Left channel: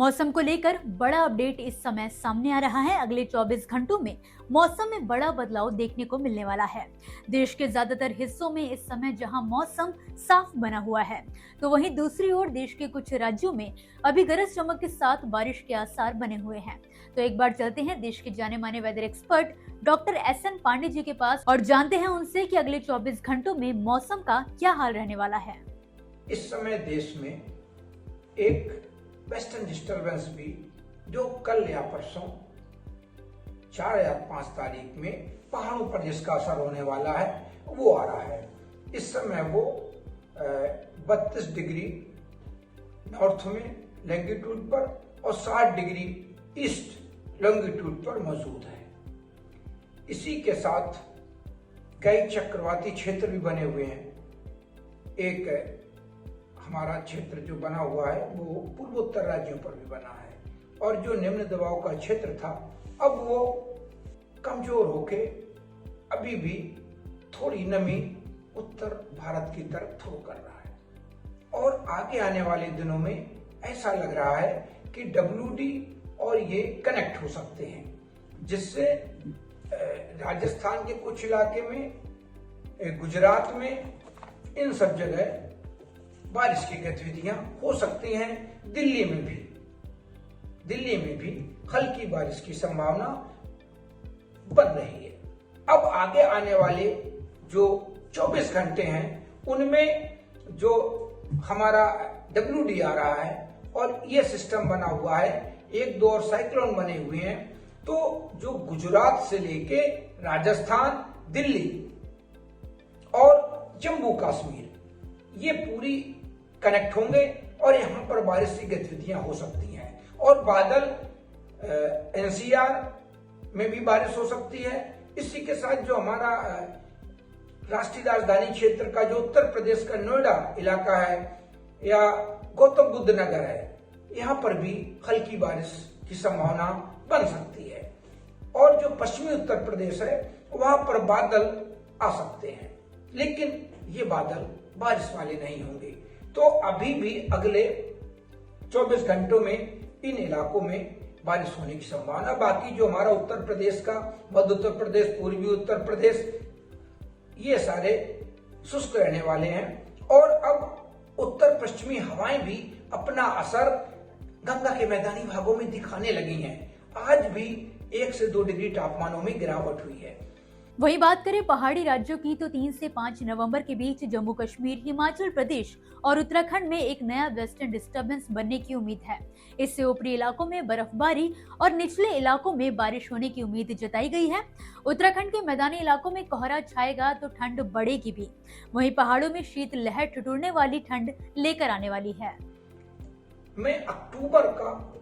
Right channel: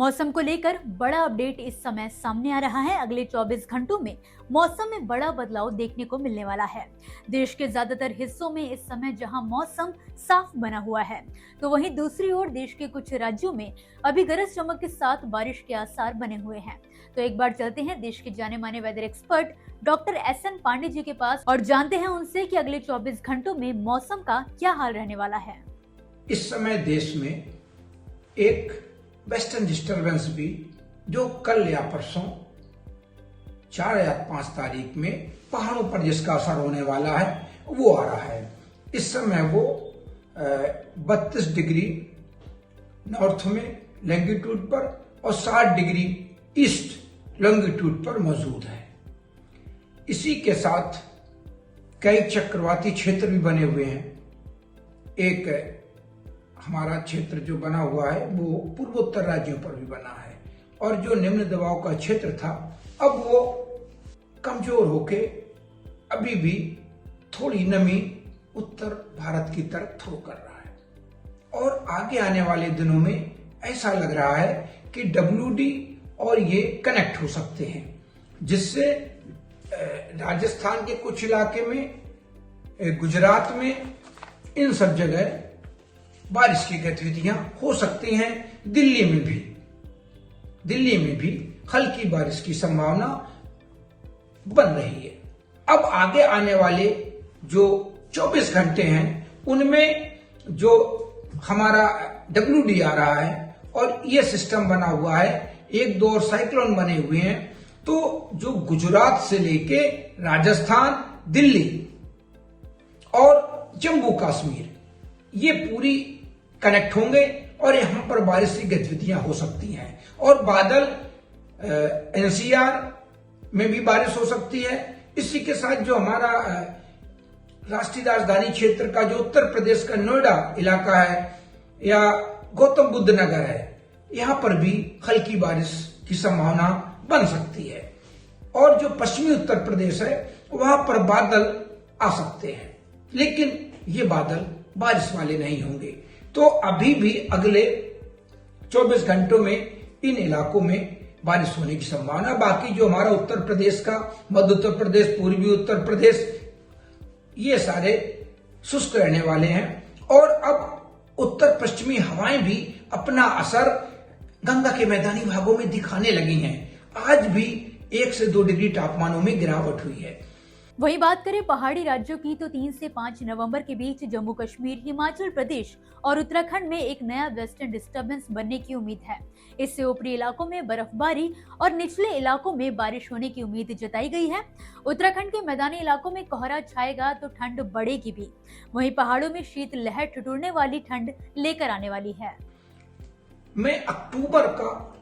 मौसम को लेकर बड़ा अपडेट इस समय सामने आ रहा है। अगले 24 घंटों में मौसम में बड़ा बदलाव देखने को मिलने वाला है। देश के ज्यादातर हिस्सों में इस समय जहां मौसम साफ बना हुआ है, तो वहीं दूसरी ओर देश के कुछ राज्यों में अभी गरज चमक के साथ बारिश के आसार बने हुए हैं। तो एक बार चलते हैं देश के जाने माने weather expert doctor S N. Pandey ji के पास और जानते हैं उनसे कि अगले 24 घंटों में मौसम का क्या हाल रहने वाला है। इस समय देश में एक वेस्टर्न डिस्टर्बेंस भी, जो कल या परसों 4 या 5 तारीख में पहाड़ों पर जिसका असर होने वाला है वो आ रहा है। इस समय वो 32 डिग्री नॉर्थ में लैंगिट्यूड पर और 60 डिग्री ईस्ट लॉन्गिट्यूड पर मौजूद है। इसी के साथ कई चक्रवाती क्षेत्र भी बने हुए हैं। एक हमारा क्षेत्र जो बना हुआ है वो पूर्वोत्तर राज्यों पर भी बना है, और जो निम्न दबाव का क्षेत्र था अब वो कमजोर होके अभी भी थोड़ी नमी उत्तर भारत की तरफ थ्रो कर रहा है। और आगे आने वाले दिनों में ऐसा लग रहा है कि WD और ये कनेक्ट हो सकते हैं, जिससे राजस्थान के कुछ इलाके में, गुजरात में, इन सब जगह बारिश की गतिविधियां हो सकती हैं। दिल्ली में भी हल्की बारिश की संभावना बन रही है। अब आगे आने वाले जो 24 घंटे हैं उनमें जो हमारा WD आ रहा है और ये सिस्टम बना हुआ है, 1-2 और साइक्लोन बने हुए हैं, तो जो गुजरात से लेके राजस्थान, दिल्ली और जम्मू कश्मीर ये पूरी कनेक्ट होंगे और यहां पर बारिश की गतिविधियां हो सकती हैं। और बादल NCR में भी बारिश हो सकती है। इसी के साथ जो हमारा राष्ट्रीय राजधानी क्षेत्र का जो उत्तर प्रदेश का नोएडा इलाका है या गौतम बुद्ध नगर है, यहां पर भी हल्की बारिश की संभावना बन सकती है। और जो पश्चिमी उत्तर प्रदेश है वहां पर बादल आ सकते हैं, लेकिन ये बादल बारिश वाले नहीं होंगे। तो अभी भी अगले 24 घंटों में इन इलाकों में बारिश होने की संभावना। बाकी जो हमारा उत्तर प्रदेश का, मध्य उत्तर प्रदेश, पूर्वी उत्तर प्रदेश, ये सारे शुष्क रहने वाले हैं। और अब उत्तर पश्चिमी हवाएं भी अपना असर गंगा के मैदानी भागों में दिखाने लगी हैं। आज भी 1 से 2 डिग्री तापमानों में गिरावट हुई है। वही बात करें पहाड़ी राज्यों की, तो 3 से 5 नवंबर के बीच जम्मू कश्मीर, हिमाचल प्रदेश और उत्तराखंड में एक नया वेस्टर्न डिस्टर्बेंस बनने की उम्मीद है। इससे ऊपरी इलाकों में बर्फबारी और निचले इलाकों में बारिश होने की उम्मीद जताई गई है। उत्तराखंड के मैदानी इलाकों में कोहरा छाएगा तो ठंड बढ़ेगी भी। वहीं पहाड़ों में शीत लहर ठिठुरने वाली ठंड लेकर आने वाली है। मैं अक्टूबर का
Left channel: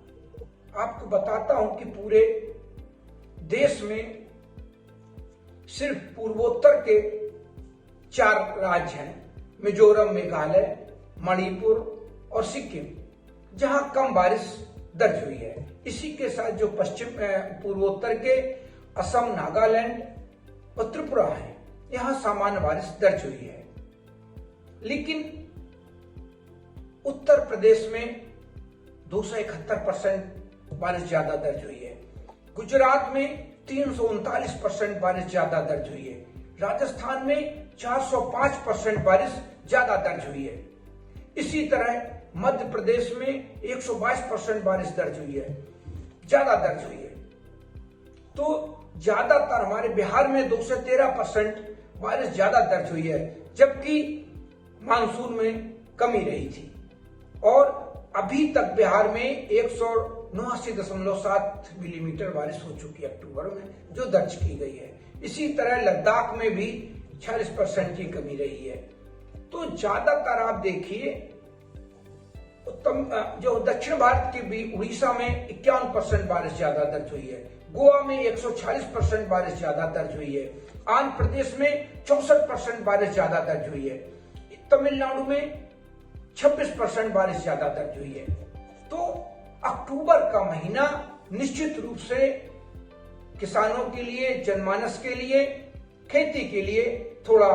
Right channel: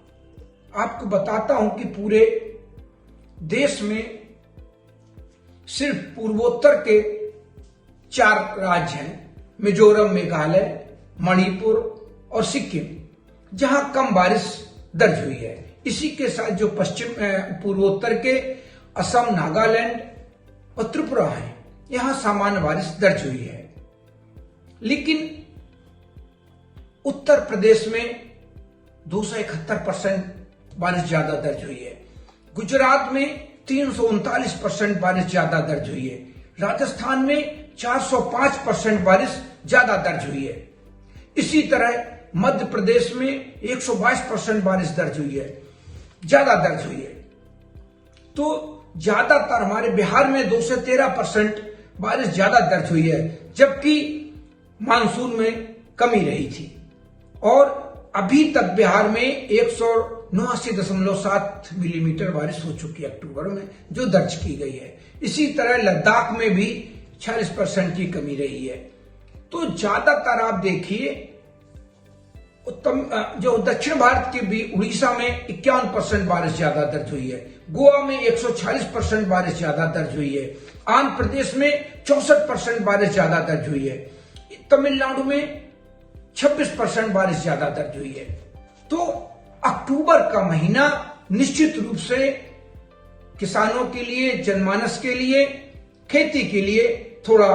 आपको बताता हूं कि पूरे देश में सिर्फ पूर्वोत्तर के 4 राज्य हैं, मिजोरम, मेघालय, मणिपुर और सिक्किम, जहां कम बारिश दर्ज हुई है। इसी के साथ जो पश्चिम पूर्वोत्तर के असम, नागालैंड और त्रिपुरा हैं, यहां सामान्य बारिश दर्ज हुई है। लेकिन उत्तर प्रदेश में 271% बारिश ज्यादा दर्ज हुई है। गुजरात में 339% बारिश ज्यादा दर्ज हुई है। राजस्थान में 405% बारिश ज्यादा दर्ज हुई है। इसी तरह मध्य प्रदेश में 122% बारिश दर्ज हुई है, ज्यादा दर्ज हुई है। तो ज्यादातर हमारे बिहार में 2 से 13% बारिश ज्यादा दर्ज हुई है, जबकि मानसून में कमी रही थी। और अभी तक बिहार में 189.7 मिलीमीटर बारिश हो चुकी है अक्टूबर में, जो दर्ज की गई है। इसी तरह लद्दाख में भी 46% की कमी रही है। तो ज्यादातर आप देखिए जो दक्षिण भारत के भी, उड़ीसा में 51% बारिश ज्यादा दर्ज हुई है, गोवा में 146% बारिश ज्यादा दर्ज हुई है, आंध्र प्रदेश में 64% बारिश ज्यादा दर्ज हुई है, तमिलनाडु में 26% बारिश ज्यादा दर्ज हुई है। तो अक्टूबर का महीना निश्चित रूप से किसानों के लिए, जनमानस के लिए, खेती के लिए थोड़ा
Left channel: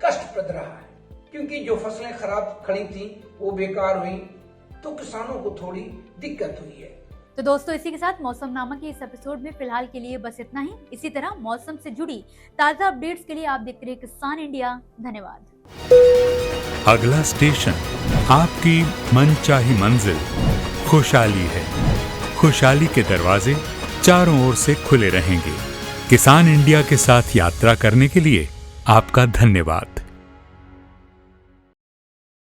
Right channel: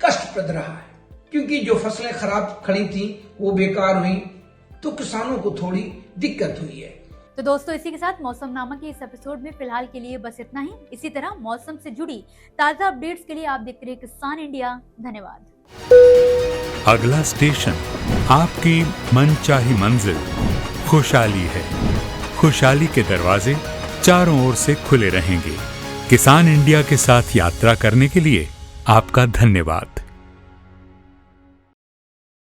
कष्टप्रद रहा है, क्योंकि जो फसलें खराब खड़ी थी वो बेकार हुई, तो किसानों को थोड़ी दिक्कत हुई है। तो दोस्तों, इसी के साथ मौसम नामा के इस एपिसोड में फिलहाल के लिए बस इतना ही। इसी तरह मौसम से जुड़ी ताजा अपडेट्स के लिए आप देखते रहिए किसान इंडिया। धन्यवाद। अगला स्टेशन आपकी मनचाही मंजिल खुशहाली है। खुशहाली के दरवाजे चारों ओर से खुले रहेंगे। किसान इंडिया के साथ यात्रा करने के लिए आपका धन्यवाद।